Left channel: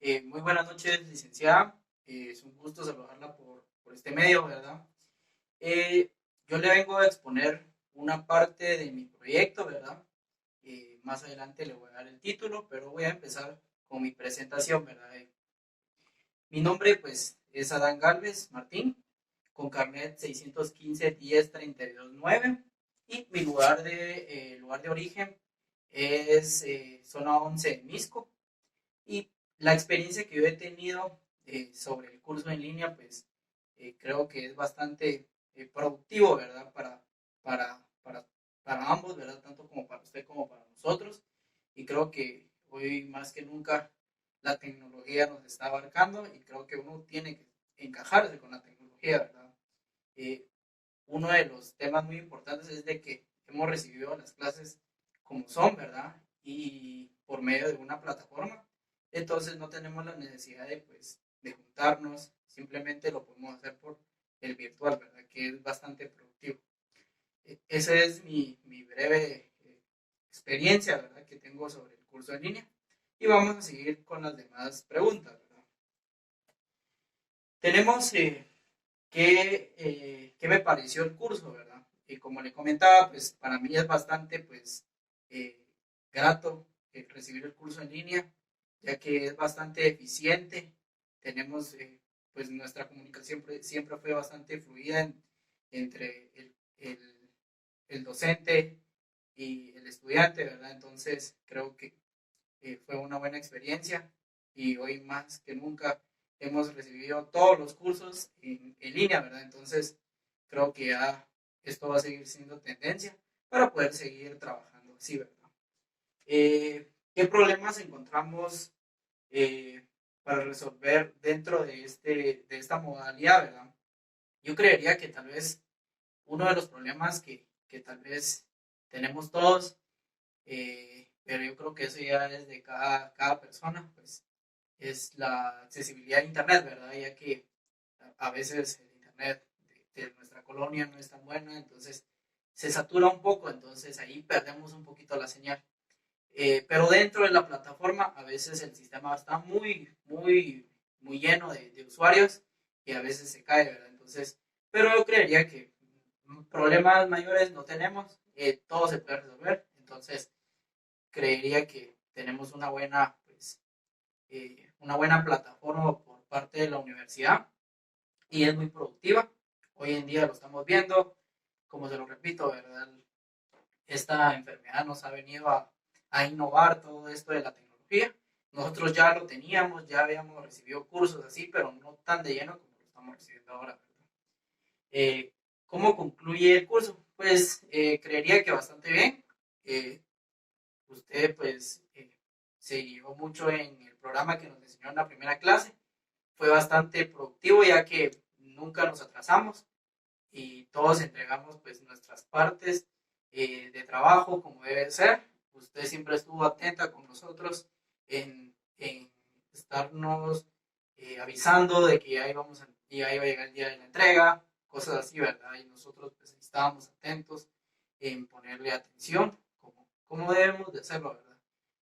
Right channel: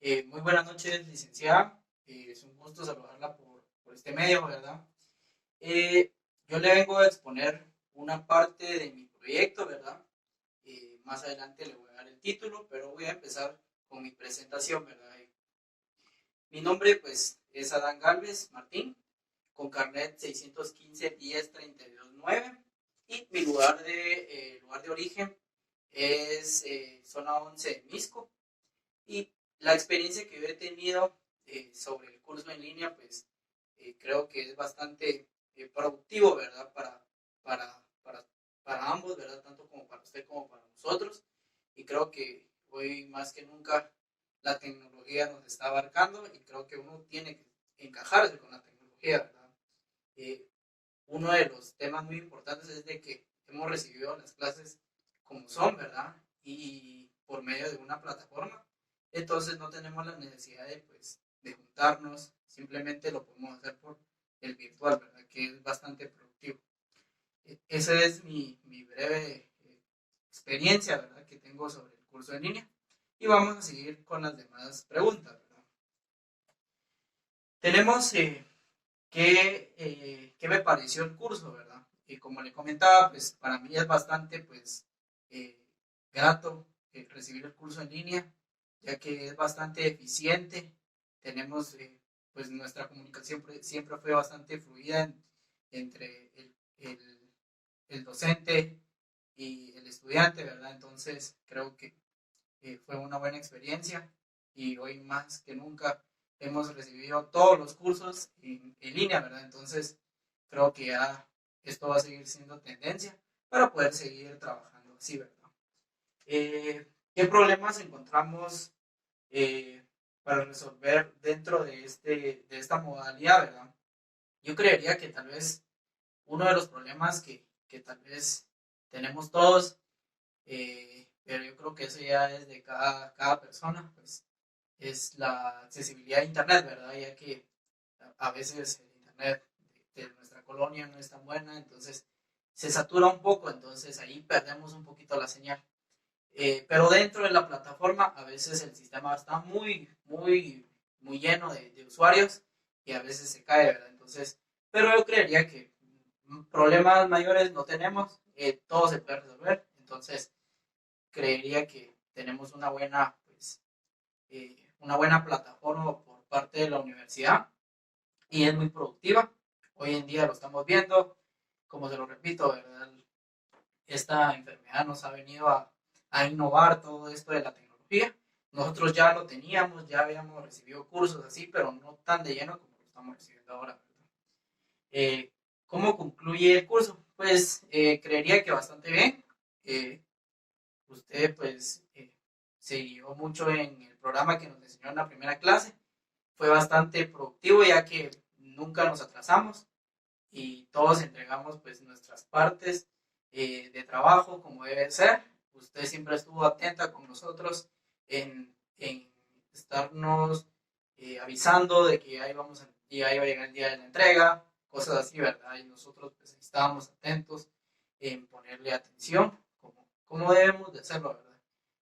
Muy buenas noches, licenciada. Es un gusto saludarla por este medio, ¿verdad? Eh, yo le vengo a exponer una parte de mi proyecto, ¿verdad? Más adelante le voy a dar el título, pero voy a empezar con mi presentación, ¿verdad? Mi nombre, pues, es Adán Galvez Martín, con carnet 615-10-32-9, y mi lugar de origen es zona 11 en Misco. Y la experiencia que yo he tenido sobre el curso en línea, pues creo que es bastante productivo, ¿verdad? Para, para, para ambos, ¿verdad? Tanto como para usted como para nosotros. Y creo que hoy más que nunca la tecnología nos está abarcando y creo que uno tiene que encajarse con la tecnología, ¿verdad? Eh, Uno de los temas muy importantes es de que hemos recibido las clases como son, ¿verdad? Y por medio de una plataforma. Entonces no tenemos la necesidad de, pues, de juntarnos, simplemente lo podemos hacer por el virtual, ¿verdad? Que es bastante productivo. Esa es mi breve experiencia, ¿verdad? Que tengo sobre el curso en línea. Y vamos a seguir con las demás preguntas, ¿verdad? Tenemos qué me pareció el curso, ¿verdad? Y como le comentaba, pues para mí es bastante, pues, eh, grato recibir el curso en línea, ya que es bastante eficiente. Tenemos, pues nuestra comunicación siempre fue bastante fluida entre el docente y el estudiante, ¿verdad? Entonces creo que fue una buena experiencia y hoy más que nunca hemos recibido todos los cursos en línea, ¿verdad? Entonces creo que ya esto va a seguir siendo tendencia para poder seguir trabajando así, ¿verdad? ¿Qué problemas encontramos para resolver dentro de esta modalidad, ¿verdad? Yo creería que tal vez uno de los problemas que tal vez tenemos todos, pero yo creo que eso ya es de cada persona, pues es la accesibilidad a Internet, ¿verdad? Ya que a veces el Internet de nuestra colonia no es tan buena, entonces se satura un poco, entonces ahí perdemos un poquito la señal. Pero dentro de la plataforma a veces el sistema está muy lleno de usuarios y a veces se cae, ¿verdad? Entonces, pero yo creería que problemas mayores no tenemos, todo se puede resolver, entonces creería que tenemos una buena plataforma por parte de la universidad y es muy productiva. Hoy en día lo estamos viendo, como se lo repito, ¿verdad? Esta enfermedad nos ha venido a innovar todo esto de la tecnología. Nosotros ya lo teníamos, ya habíamos recibido cursos así, pero no tan de lleno como lo estamos recibiendo ahora, ¿verdad? ¿Cómo concluye el curso? Pues creería que bastante bien. Eh, Usted pues se guió mucho en el programa que nos enseñó en la primera clase. Fue bastante productivo ya que nunca nos atrasamos y todos entregamos pues nuestras partes de trabajo como debe ser. Usted siempre estuvo atenta con nosotros en estarnos avisando de que ya iba a llegar el día de la entrega, cosas así, ¿verdad? Y nosotros pues estábamos atentos en ponerle atención como debemos de hacerlo, ¿verdad?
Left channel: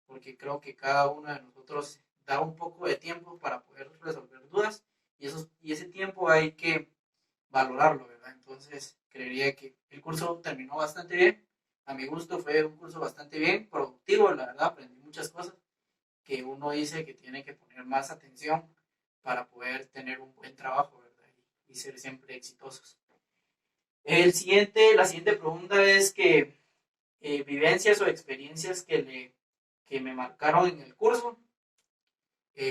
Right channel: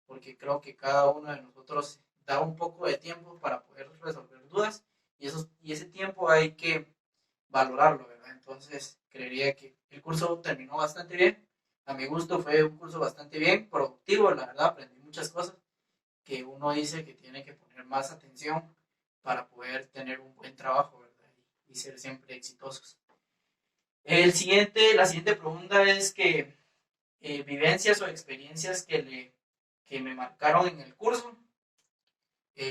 Porque creo que cada uno de nosotros da un poco de tiempo para poder resolver dudas y ese tiempo hay que valorarlo, ¿verdad? Entonces, creería que el curso terminó bastante bien. A mi gusto fue un curso bastante bien, productivo, la verdad, aprendí muchas cosas que uno dice que tiene que poner más atención para poder tener un buen trabajo, ¿verdad? Y ser siempre exitosos. La siguiente pregunta es que vivencias o experiencias que me marcaron en el curso.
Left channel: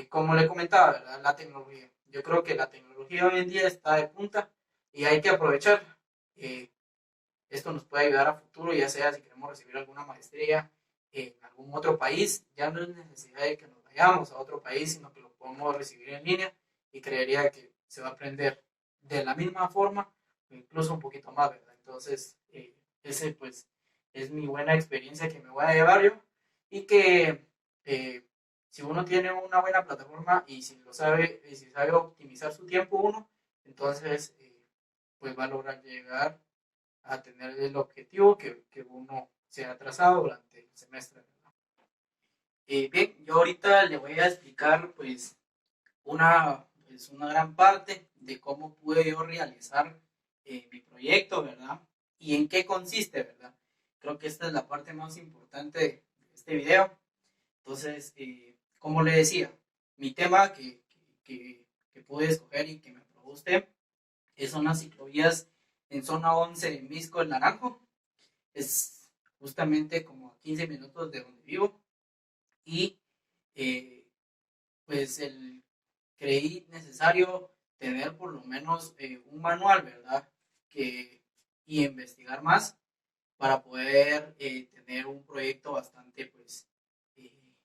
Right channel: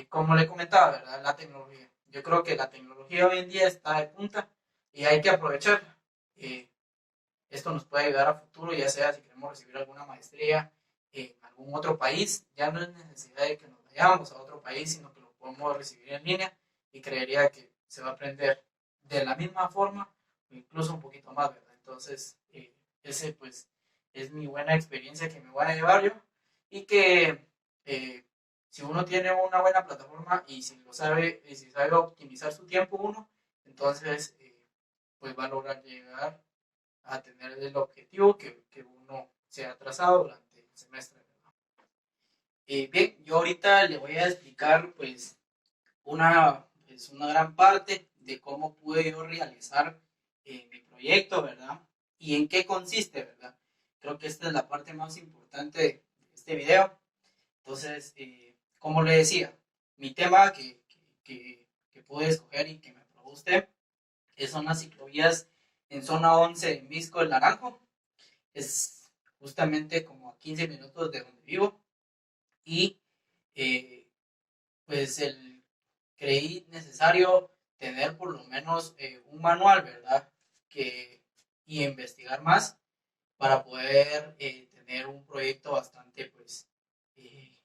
Como le comentaba, ¿verdad? La tecnología. Yo creo que la tecnología hoy en día está de punta y hay que aprovecharla. Eh, Esto nos puede ayudar a futuro, ya sea si queremos recibir alguna maestría en algún otro país. Ya no es necesidad de que nos vayamos a otro país, sino que lo podemos recibir en línea y creería que se va a aprender de la misma forma o incluso un poquito más, ¿verdad? Entonces, ese pues es mi buena experiencia que me voy a llevar yo y que eh, si uno tiene una buena plataforma y si sabe optimizar su tiempo uno, entonces pues va a lograr llegar a tener el objetivo que uno se ha trazado durante el semestre, ¿verdad? Bien, yo ahorita le voy a explicar una gran parte de cómo pude yo realizar mi proyecto, ¿verdad? Y en qué consiste, ¿verdad? Creo que esta es la parte más importante de este video. Entonces, como le decía, mi tema que pude escoger y que me aprobó usted son las ciclovías en zona 11 de Misco del Naranjo. Es justamente como a 15 minutos de donde vivo. Y eh, pues creí necesario tener por lo menos un manual, ¿verdad? Que, y investigar más para poder tener un proyecto bastante eh,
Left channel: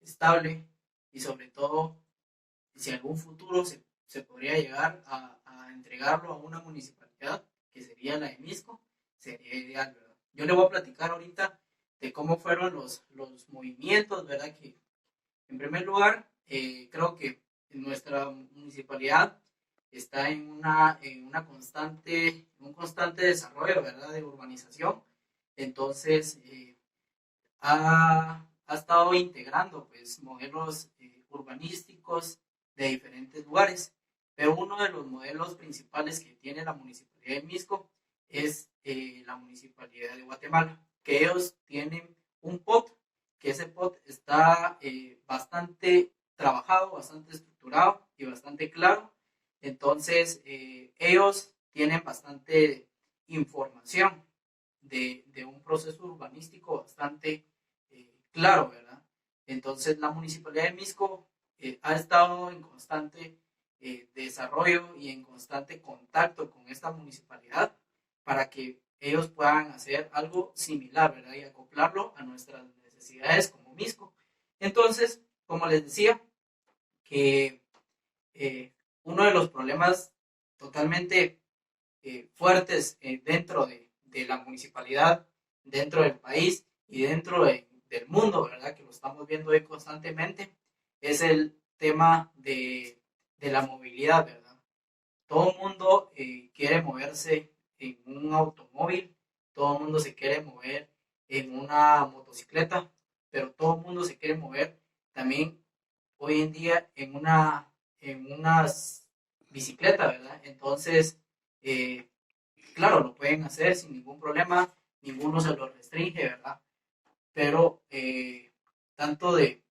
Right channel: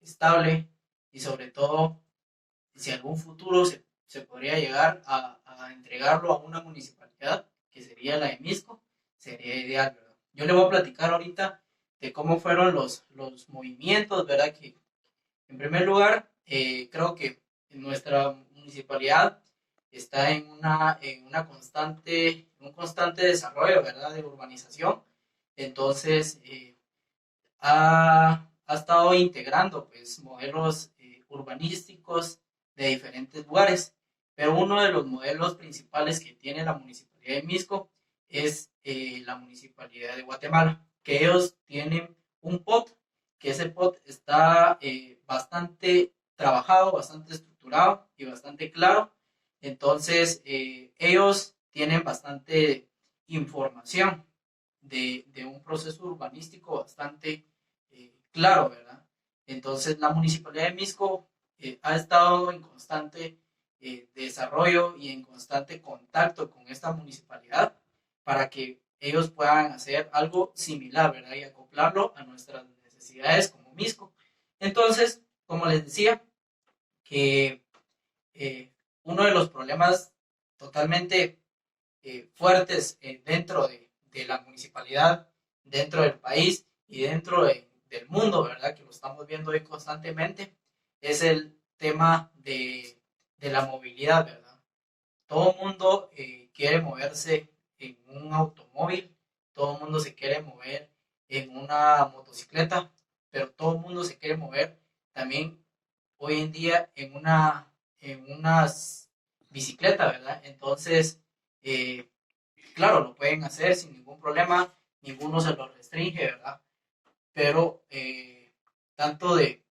estable y sobre todo si en algún futuro se podría llegar a entregarlo a una municipalidad, que sería la de Misco, sería ideal, ¿verdad? Yo le voy a platicar ahorita de cómo fueron los movimientos, ¿verdad? Que en primer lugar, creo que nuestra municipalidad está en un constante desarrollo, ¿verdad? De urbanización. Entonces, ha estado integrando pues modelos urbanísticos de diferentes lugares, pero uno de los modelos principales que tiene la municipalidad de Misco es la municipalidad de Guatemala, que ellos tienen un POT, que ese POT está bastante trabajado, bastante estructurado y bastante claro. Entonces, ellos tienen bastante información de un proceso urbanístico bastante claro, ¿verdad? Entonces, la municipalidad de Misco ha estado en constante desarrollo y en constante contacto con esta municipalidad para que ellos puedan hacer algo similar, ¿verdad? Y acoplarlo a nuestras necesidades como Misco. Entonces, como les decía, que uno de los problemas totalmente fuertes dentro de la municipalidad, dentro del país y dentro del mundo, ¿verdad? Que lo estamos viendo hoy constantemente, es el tema de la movilidad, ¿verdad? Todo el mundo quiere moverse en un automóvil, todo el mundo se quiere mover en una motocicleta, pero todo el mundo se quiere mover también hoy en día en una bicicleta, ¿verdad? Entonces, eh, claro, lo pueden hacer sin ningún problema, ninguno se lo restringe, ¿verdad? Pero tanto de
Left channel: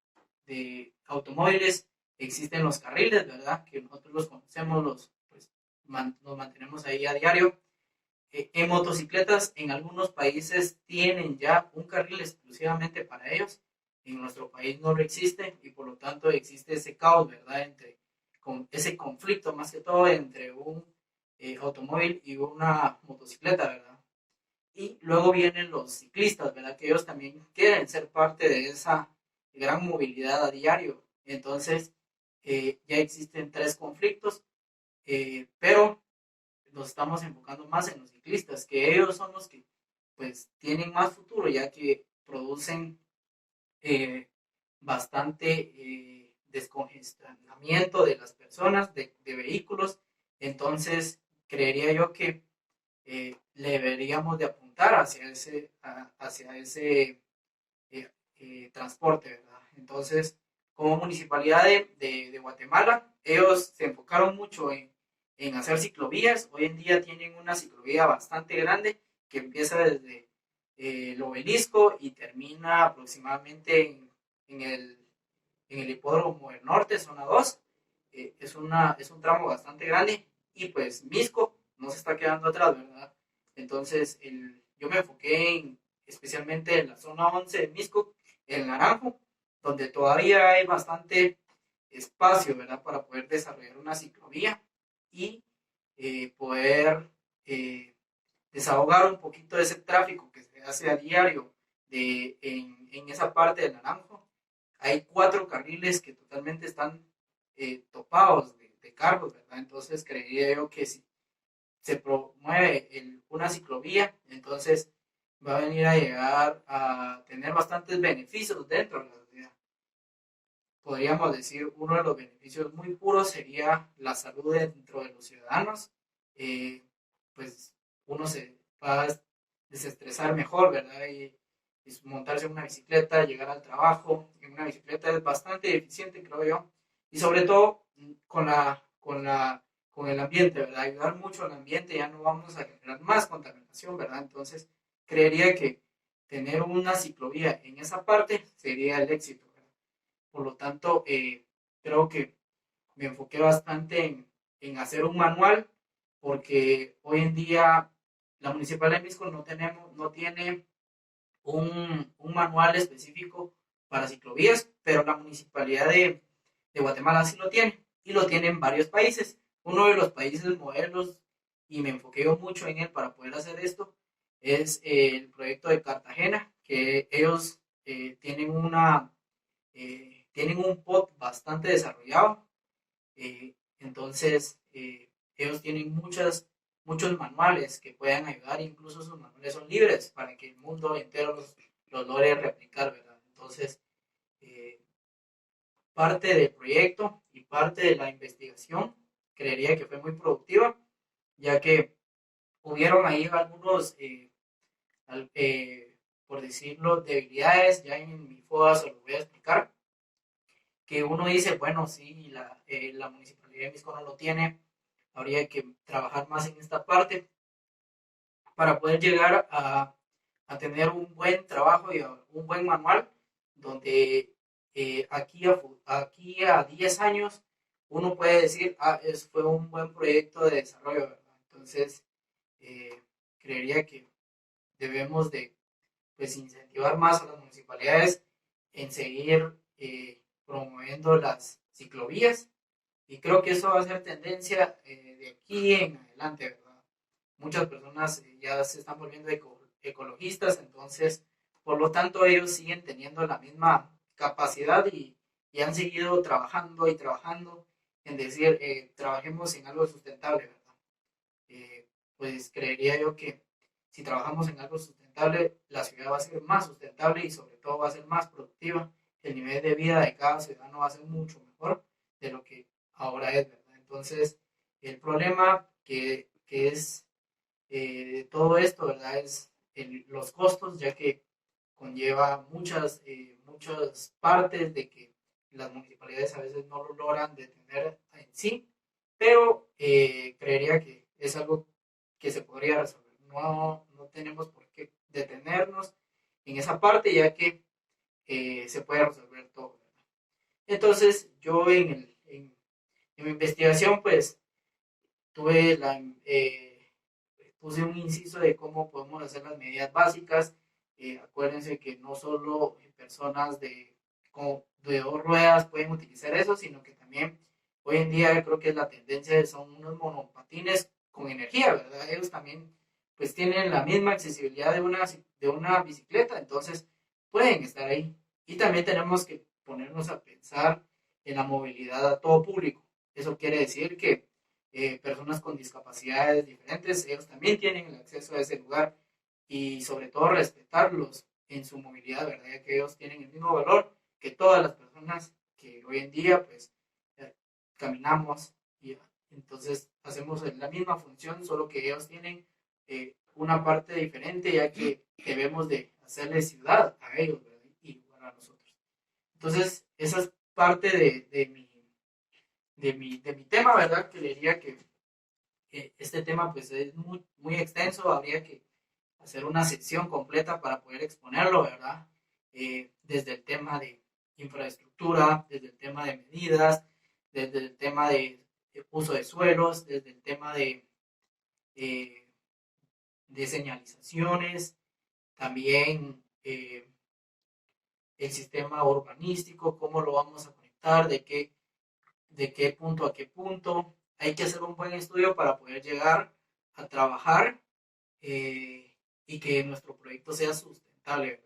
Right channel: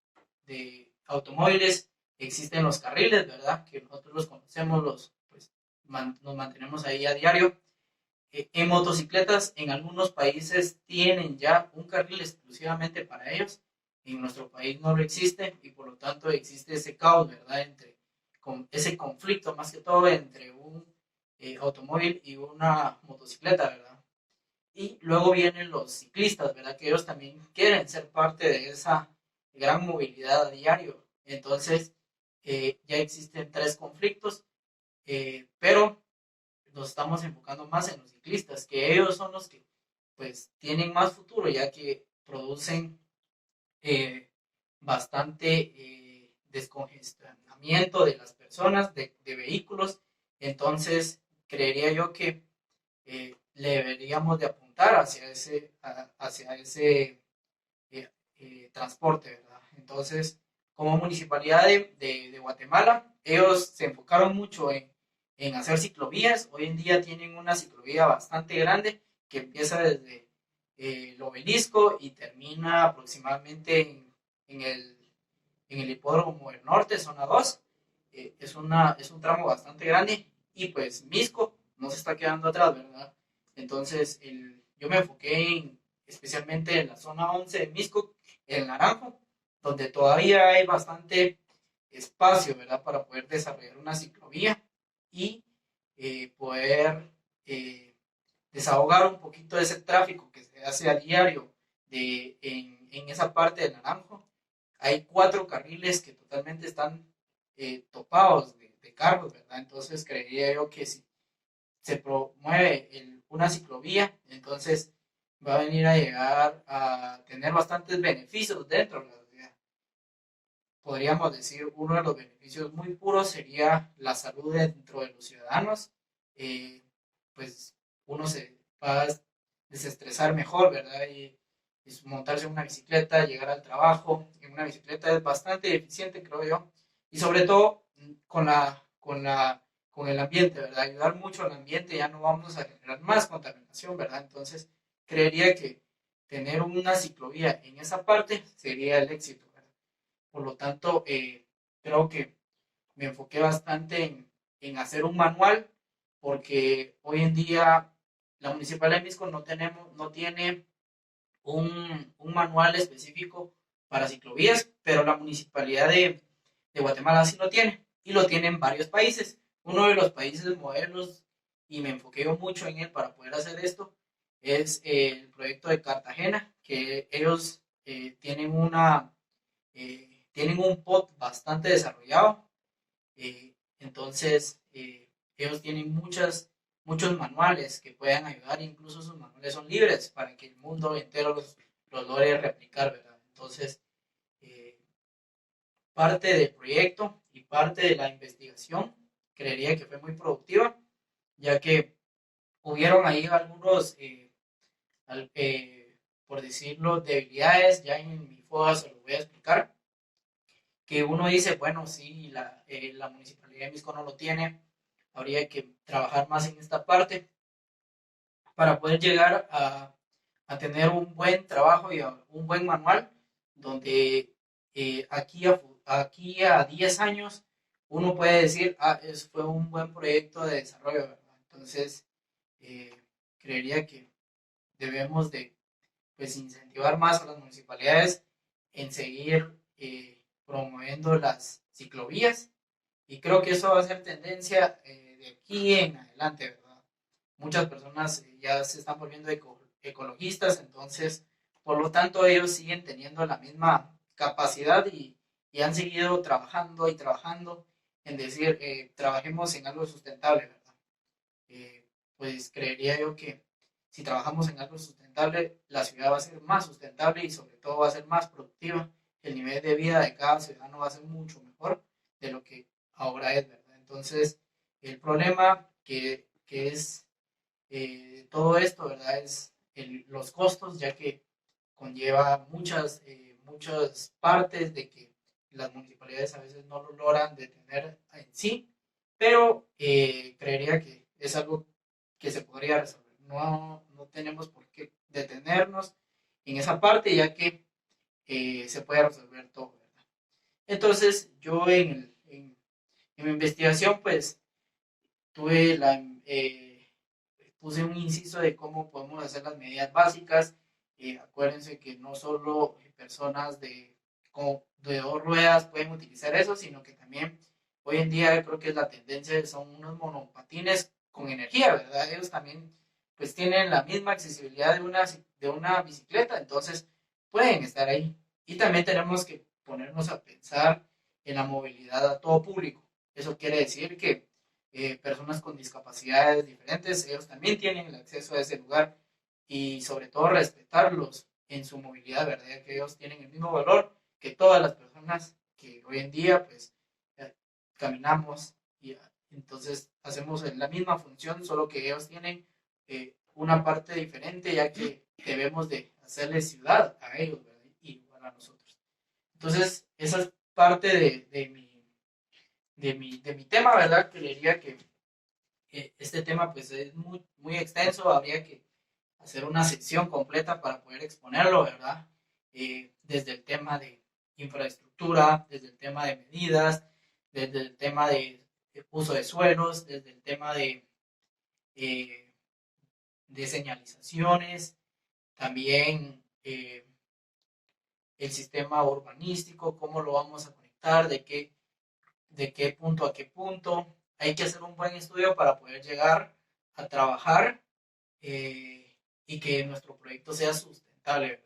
automóviles existen los carriles, ¿verdad? Que nosotros los conocemos, nos mantenemos ahí a diario. En motocicletas, en algunos países tienen ya un carril exclusivamente para ellos. En nuestro país no lo existe y por lo tanto existe ese caos, ¿verdad? Con ese conflicto más que todo entre un automóvil y una motocicleta, ¿verdad? Y luego vienen los ciclistas, ¿verdad? Que ellos también quieren ser parte de esa gran movilidad a diario. Entonces, ya existen tres conflictos, pero nos estamos enfocando más en los ciclistas, que ellos son los que pues tienen más futuro, ya que producen eh, bastante descongestionamiento de las personas, de vehículos. Entonces, creería yo que le deberíamos de apuntar hacia ese transporte, ¿verdad? Entonces, como municipalidad de Guatemala, ellos se enfocaron mucho en hacer ciclovías. Hoy en día tienen una ciclovía bastante grande que empieza desde el obelisco y termina aproximadamente en el hipódromo del norte, zona 2. Es un tramo bastante grande y pues Misco no se está quedando atrás, ¿verdad? Entonces, yo me enfoqué especialmente en la zona 11 de Misco, el Naranjo, donde todavía hay bastante espacio, ¿verdad? Para poder desarrollar una ciclovía y poder desahogar un poquito de ese tráfico que se hace a diario en esa parte del Naranjo. Hay 4 carriles que totalmente están topados de carros, ¿verdad? Entonces creería yo que si se promueve una ciclovía, entonces va a venir a llegar a tener bastantes beneficios dentro de la ciudad. Podríamos decir, uno de los beneficios muy puros sería la salud dentro de los ciudadanos. Pues uno se va a desestresar mejor, ¿verdad? es montarse en una bicicleta, llegar al trabajo en una bicicleta es bastante eficiente, creo yo, y sobre todo con el ambiente, ¿verdad? Ayudar mucho al ambiente, ya no vamos a generar más contaminación, ¿verdad? Entonces, creería que tener una ciclovía en esa parte sería el éxito, ¿verdad? Por lo tanto, creo que me enfoqué bastante en hacer un manual, porque hoy en día la Municipalidad de Misco no tiene un manual específico para ciclovías, pero la Municipalidad de Guatemala sí lo tiene, y lo tiene en varios países. Uno de los países modelos, y me enfoqué yo mucho en él para poder hacer esto, es el proyecto de Cartagena, que ellos tienen un POT bastante desarrollado. Entonces, ellos tienen muchos manuales que pueden ayudar, incluso sus manuales son libres para que el mundo entero los logre replicar, ¿verdad? Entonces, eh, parte del proyecto y parte de la investigación creería que fue muy productiva, ya que hubieron ahí algunos, por decirlo, debilidades. Ya en mi foda se los voy a explicar, que uno dice, bueno, sí, la Municipalidad de Misco no lo tiene, habría que trabajar más en esta parte para poder llegar a tener un buen trabajo y un buen manual, donde aquí a 10 años uno puede decir, fue un buen proyecto de desarrollo, ¿verdad? Entonces, eh, creería que debemos de, pues, incentivar más a las municipalidades en seguir promoviendo las ciclovías, y creo que eso va a ser tendencia de aquí en adelante, ¿verdad? Muchas personas ya se están volviendo ecologistas, entonces, por lo tanto, ellos siguen teniendo la misma capacidad, y han seguido trabajando y trabajando en decir, trabajemos en algo sustentable, ¿verdad? Eh, pues creería yo que si trabajamos en algo sustentable, la ciudad va a ser más sustentable, y sobre todo va a ser más productiva. El nivel de vida de cada ciudadano va a ser mucho mejor de lo que ahora es, ¿verdad? Entonces, el problema que es todo esto, ¿verdad? Es los costos, ya que conlleva muchas partes de que las municipalidades a veces no lo logran detener en sí, pero creería que es algo que se podría resolver. No tenemos por qué detenernos en esa parte, ya que se puede resolver todo, ¿verdad? Entonces, yo en mi investigación, pues, tuve puse un inciso de cómo podemos hacer las medidas básicas. Acuérdense que no solo personas de dos ruedas pueden utilizar eso, sino que también hoy en día creo que es la tendencia, son unos monopatines con energía, ¿verdad? Ellos también pues tienen la misma accesibilidad de una bicicleta, entonces pueden estar ahí. Y también tenemos que ponernos a pensar en la movilidad a todo público. Eso quiere decir que personas con discapacidades diferentes, ellos también tienen el acceso a ese lugar, y sobre todo respetarlos en su movilidad, ¿verdad? Ya que ellos tienen el mismo valor que todas las personas que hoy en día pues caminamos, y entonces hacemos la misma función, solo que ellos tienen una parte diferente, ya que debemos de hacerle ciudad a ellos, ¿verdad? Y igual a nosotros. Entonces, esa es parte de mi tema, ¿verdad? Creería que este tema pues es muy, muy extenso, habría que hacer una sección completa para poder exponerlo, ¿verdad? Desde el tema de infraestructura, desde el tema de medidas, desde el tema de uso de suelos, desde el tema eh, de señalizaciones, también el sistema urbanístico, cómo lo vamos a conectar, de qué punto a qué punto. Hay que hacer un buen estudio para poder llegar a trabajar, y que nuestro proyecto sea sustentable, ¿verdad?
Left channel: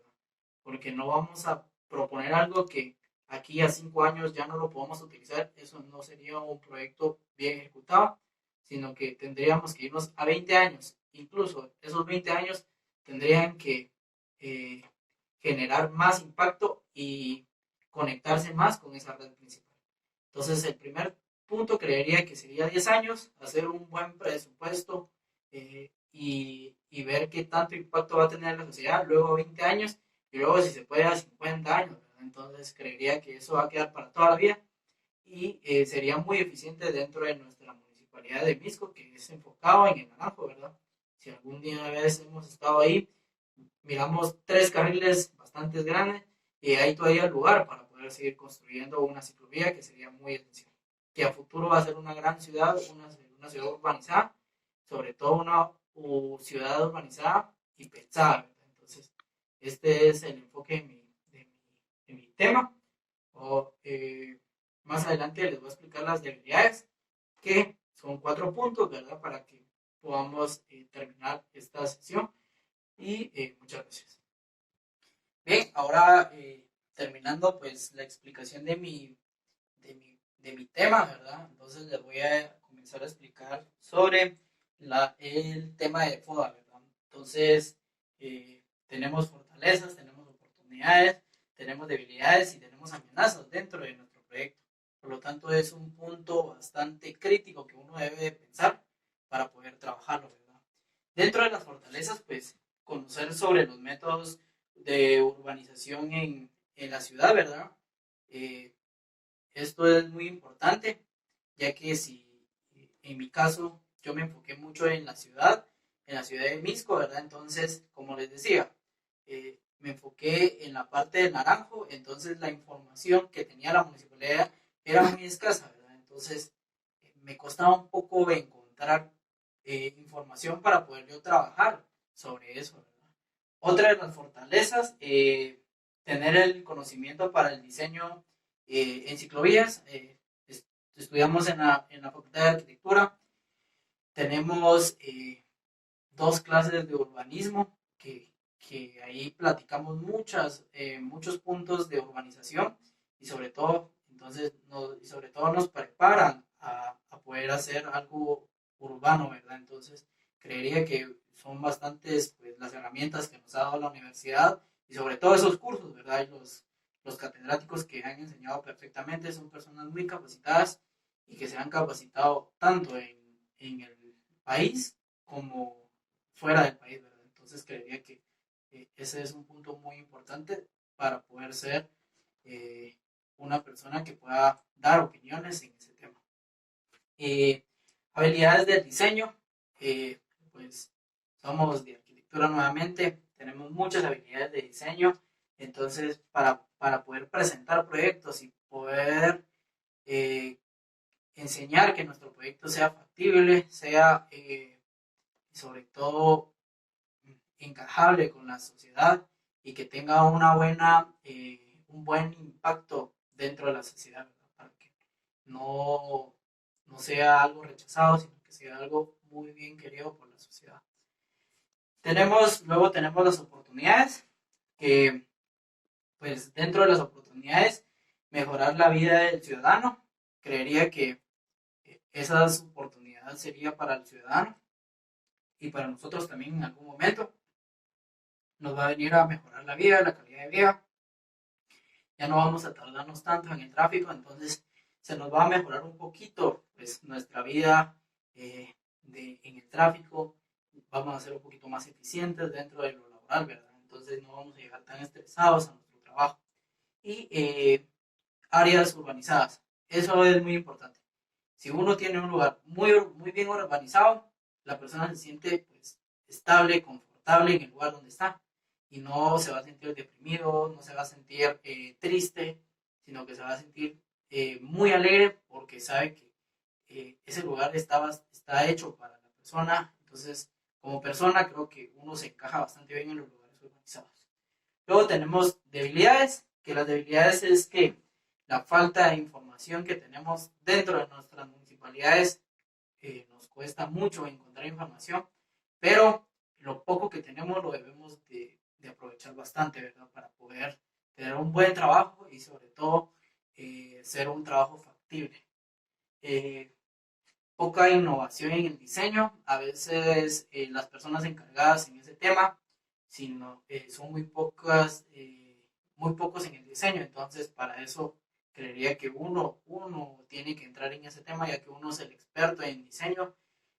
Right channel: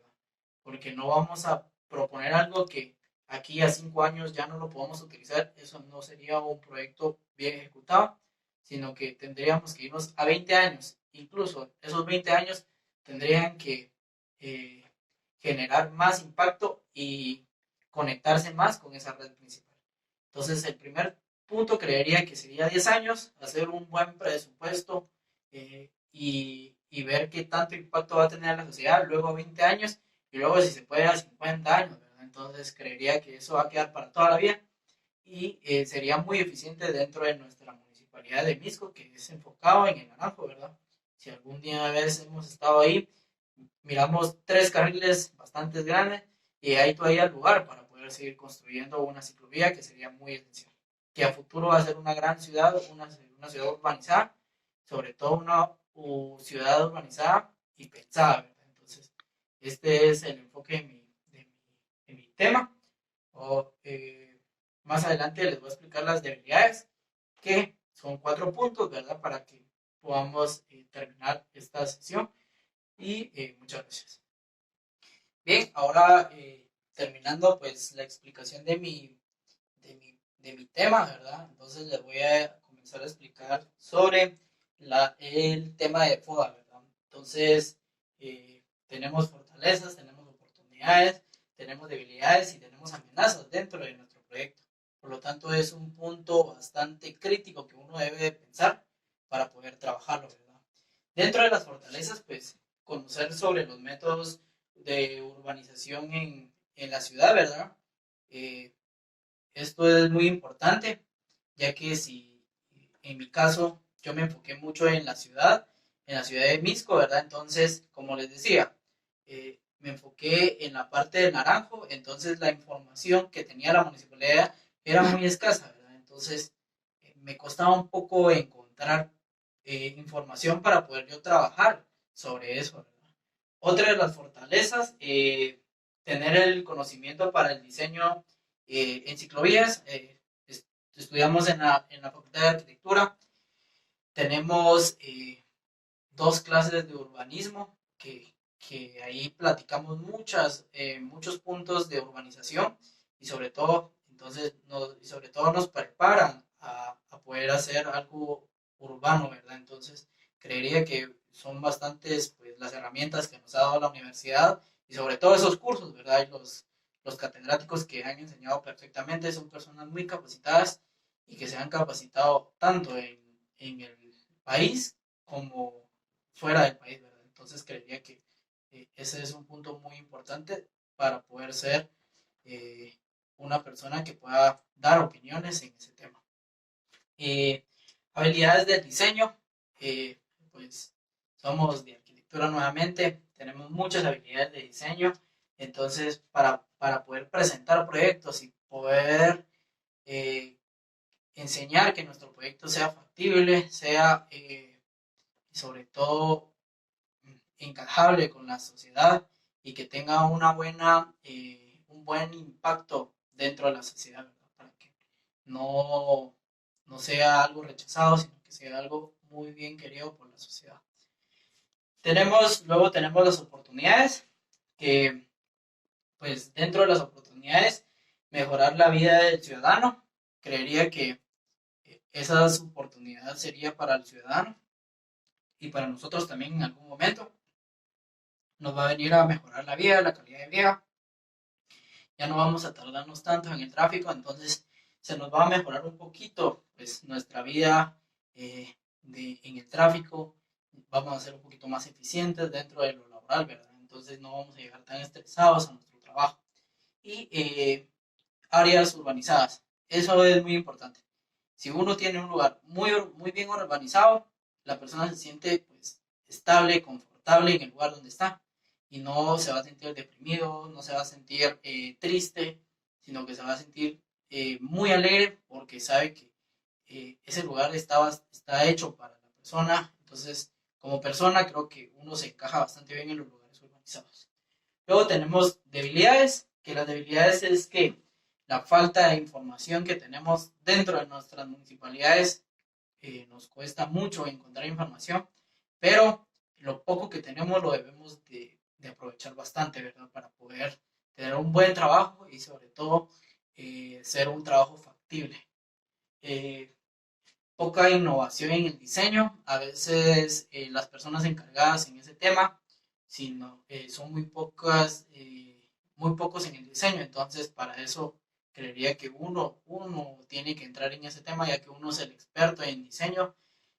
Porque no vamos a proponer algo que aquí a 5 años ya no lo podamos utilizar. Eso no sería un proyecto bien ejecutado, sino que tendríamos que irnos a 20 años. Incluso esos 20 años tendrían que eh, generar más impacto y conectarse más con esa red principal. Entonces, el primer punto creería que sería 10 años, hacer un buen presupuesto, y ver qué tanto impacto va a tener en la sociedad. Luego 20 años, y luego si se puede a 50 años, ¿verdad? Entonces creería que eso va a quedar para toda la vida y sería muy eficiente dentro de nuestra municipalidad de Misco, que es enfocado en el Naranjo, ¿verdad? Si algún día a veces hemos estado ahí, miramos 3 carriles bastante grandes y hay todavía lugar para poder seguir construyendo una ciclovía que sería muy esencial. Que a futuro va a ser una gran ciudad, una ciudad urbanizada, sobre todo una ciudad urbanizada y pensada, ¿verdad? Entonces, este es el enfoque de mi tema. O, más adelante les voy a explicar las debilidades, que son 4 puntos, ¿verdad? Para que podamos terminar esta sesión. Y muchas gracias. Bien, ahora terminando pues la explicación de mi tema, ¿verdad? Entonces les voy a comenzar a explicar sobre el tema de FODA, ¿verdad? Entonces, tenemos fortalezas, tenemos oportunidades, tenemos debilidades y tenemos amenazas dentro de nuestro proyecto. Por lo tanto, es un punto bastante crítico que uno debe pensar para poder trabajarlo, ¿verdad? Dentro de las fortalezas, pues, conocer sobre los métodos de urbanización en la ciudad, ¿verdad? Eh, Esto es muy importante, ya que si en mi caso yo me enfoqué mucho en la ciudad de Misco, ¿verdad? Entonces, como les decía, me enfoqué en la parte del Naranjo, entonces la información que tenía la municipalidad era muy escasa, ¿verdad? Entonces, me costaba un poco encontrar información para poder yo trabajar sobre eso, ¿verdad? Otra de las fortalezas, tener el conocimiento para el diseño en ciclovías. Estudiamos en la Facultad de Arquitectura. Tenemos 2 clases de urbanismo que ahí platicamos muchos puntos de urbanización y sobre todo, sobre todo nos preparan a poder hacer algo urbano, ¿verdad? Entonces, creería que son bastantes pues, las herramientas que nos ha dado la universidad y sobre todo esos cursos, ¿verdad? Y los catedráticos que han enseñado perfectamente son personas muy capacitadas y que se han capacitado tanto en el país como fuera del país, ¿verdad? Entonces creería que ese es un punto muy importante para poder ser eh, una persona que pueda dar opiniones en ese tema. Eh, Habilidades del diseño, pues somos de arquitectura nuevamente, tenemos muchas habilidades de diseño, entonces para poder presentar proyectos y poder eh, enseñar que nuestro proyecto sea factible, sea sobre todo encajable con la sociedad y que tenga un buen impacto dentro de la sociedad, ¿verdad? Para que no, no sea algo rechazado, sino que sea algo muy bien querido por la sociedad. Luego tenemos las oportunidades, que pues dentro de las oportunidades, mejorar la vida del ciudadano. Creería que esas oportunidades sería para el ciudadano y para nosotros también en algún momento. Nos va a venir a mejorar la vida, la calidad de vida. Ya no vamos a tardarnos tanto en el tráfico, entonces se nos va a mejorar un poquito pues, nuestra vida en el tráfico. Vamos a ser un poquito más eficientes dentro de lo laboral, ¿verdad? Entonces no vamos a llegar tan estresados a nuestro trabajo. Y áreas urbanizadas. Eso es muy importante. Si uno tiene un lugar muy bien urbanizado, la persona se siente pues, estable, confortable en el lugar donde está y no se va a sentir deprimido, no se va a sentir triste, sino que se va a sentir muy alegre porque sabe que ese lugar está hecho para la persona. Entonces, como persona, creo que uno se encaja bastante bien en los lugares urbanizados. Luego tenemos debilidades, que las debilidades es que la falta de información que tenemos dentro de nuestras municipalidades nos cuesta mucho encontrar información, pero lo poco que tenemos lo debemos de aprovechar bastante, ¿verdad? Para poder tener un buen trabajo y sobre todo ser un trabajo factible. Eh, Poca innovación en el diseño, a veces las personas encargadas en ese tema son muy pocos en el diseño, entonces para eso creería que uno tiene que entrar en ese tema ya que uno es el experto en diseño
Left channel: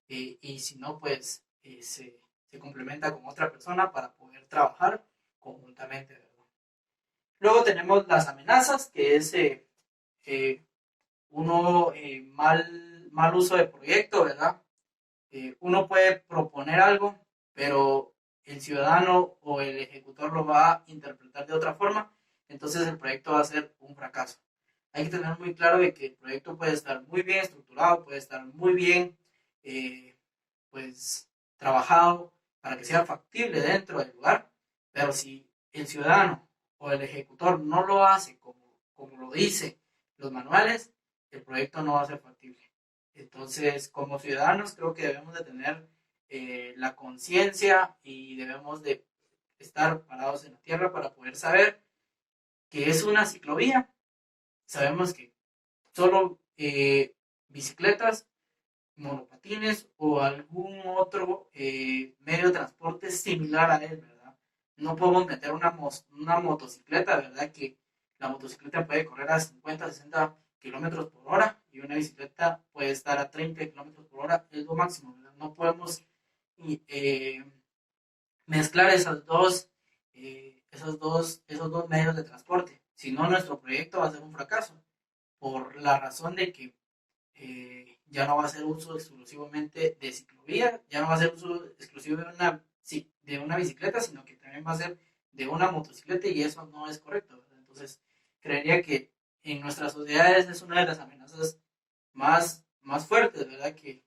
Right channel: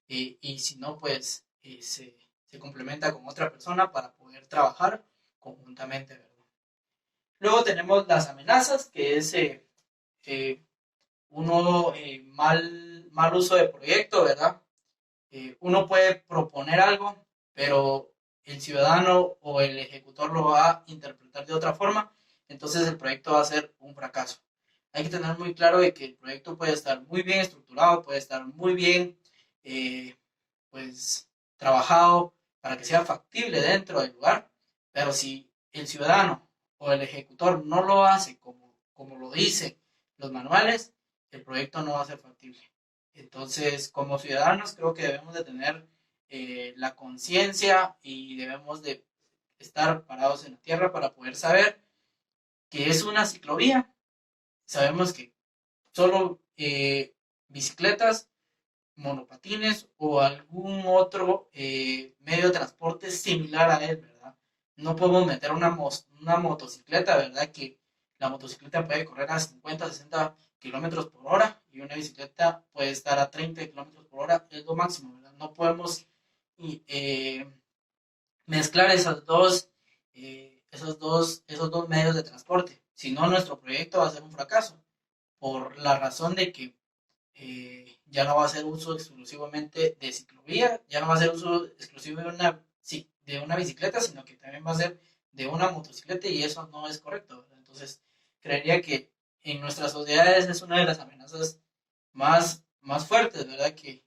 y si no pues se complementa con otra persona para poder trabajar conjuntamente, ¿verdad? Luego tenemos las amenazas, que es eh, mal uso de proyecto, ¿verdad? Uno puede proponer algo, pero el ciudadano o el ejecutor lo va a interpretar de otra forma, entonces el proyecto va a ser un fracaso. Hay que tener muy claro de que el proyecto puede estar muy bien estructurado, puede estar muy bien eh, pues, trabajado para que sea factible dentro del lugar, pero si el ciudadano o el ejecutor no lo hace como lo dice los manuales, el proyecto no va a ser factible. Entonces, como ciudadanos, creo que debemos de tener la conciencia y debemos de estar parados en la tierra para poder saber que es una ciclovía. Sabemos que solo bicicletas, monopatines o algún otro medio de transporte similar a él, ¿verdad? No podemos meter una motocicleta, ¿verdad? Que la motocicleta puede correr a 50, 60 kilómetros por hora y una bicicleta puede estar a 30 kilómetros por hora, es lo máximo, ¿verdad? No podemos eh, mezclar esos dos medios de transporte. Si no, nuestro proyecto va a ser un fracaso, por la razón de que ya no va a ser uso exclusivamente de ciclovía, ya no va a ser uso exclusivo de una bicicleta, sino que también va a ser de una motocicleta y eso no es correcto, ¿verdad? Entonces, creería que en nuestras sociedades es una de las amenazas más fuertes, ¿verdad? Que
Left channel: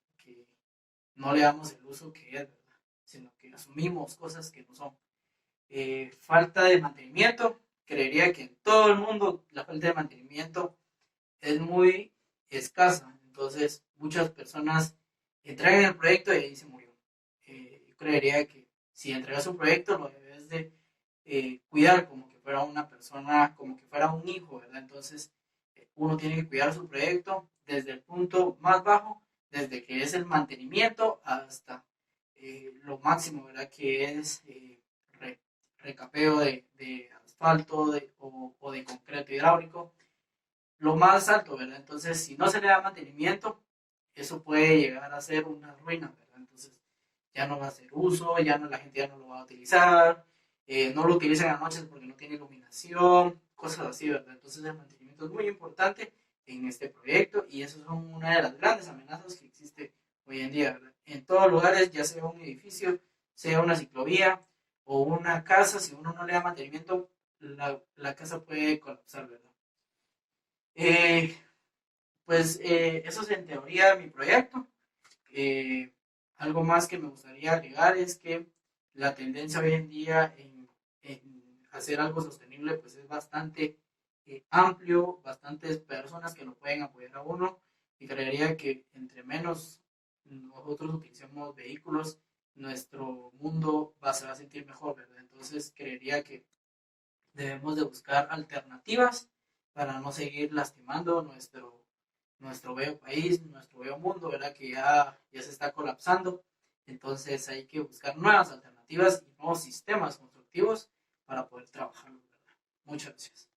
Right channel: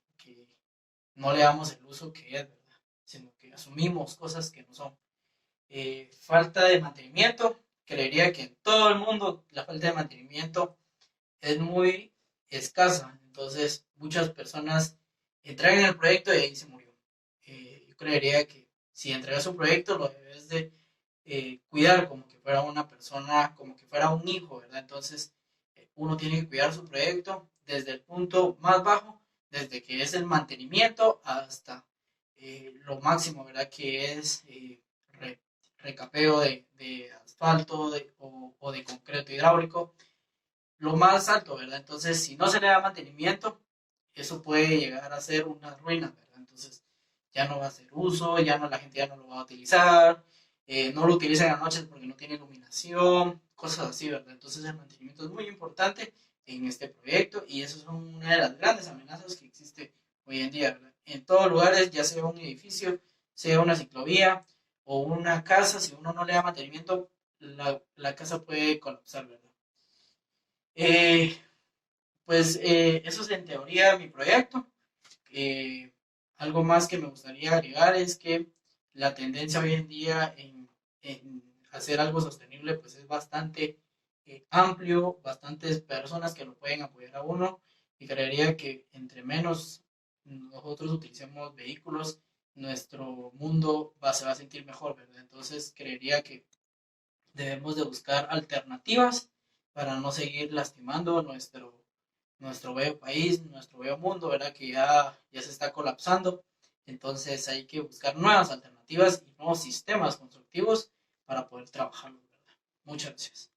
no le damos el uso que es, ¿verdad? Sino que asumimos cosas que no son. Falta de mantenimiento, creería que en todo el mundo la falta de mantenimiento es muy escasa. Entonces, muchas personas entregan el proyecto y ahí se murió. Yo creería que si entregas un proyecto, lo debes de cuidar como que fuera una persona, como que fuera un hijo, ¿verdad? Entonces, uno tiene que cuidar su proyecto desde el punto más bajo, desde que es el mantenimiento hasta lo máximo, ¿verdad? Que es re, recapeo de asfalto o de concreto hidráulico lo más alto, ¿verdad? Entonces, si no se le da mantenimiento, eso puede llegar a ser una ruina, ¿verdad? Entonces, ya no va a hacer uso, ya no, la gente ya no lo va a utilizar, no lo utiliza en las noches porque no tiene iluminación, cosas así, ¿verdad? Entonces, el mantenimiento es muy importante en este proyecto y eso es una de las grandes amenazas que existe hoy en día, ¿verdad? En todos lugares, ya sea un edificio, sea una ciclovía o una casa, si uno no le da mantenimiento, la casa puede colapsar, ¿verdad? Eh, eso es en teoría mi proyecto. Eh, Algo más que me gustaría agregar es que la tendencia hoy en día en hacer algo sostenible pues es bastante amplio, bastantes personas que lo pueden apoyar a uno y creería que entre menos nosotros utilicemos vehículos, nuestro mundo se va a sentir mejor, ¿verdad? Entonces creería que debemos de buscar alternativas para no seguir lastimando nuestro bello país, nuestro bello mundo, ¿verdad? Que ya se está colapsando. Entonces hay que buscar nuevas alternativas y nuevos sistemas constructivos para poder trabajarlo, ¿verdad? Muchas gracias.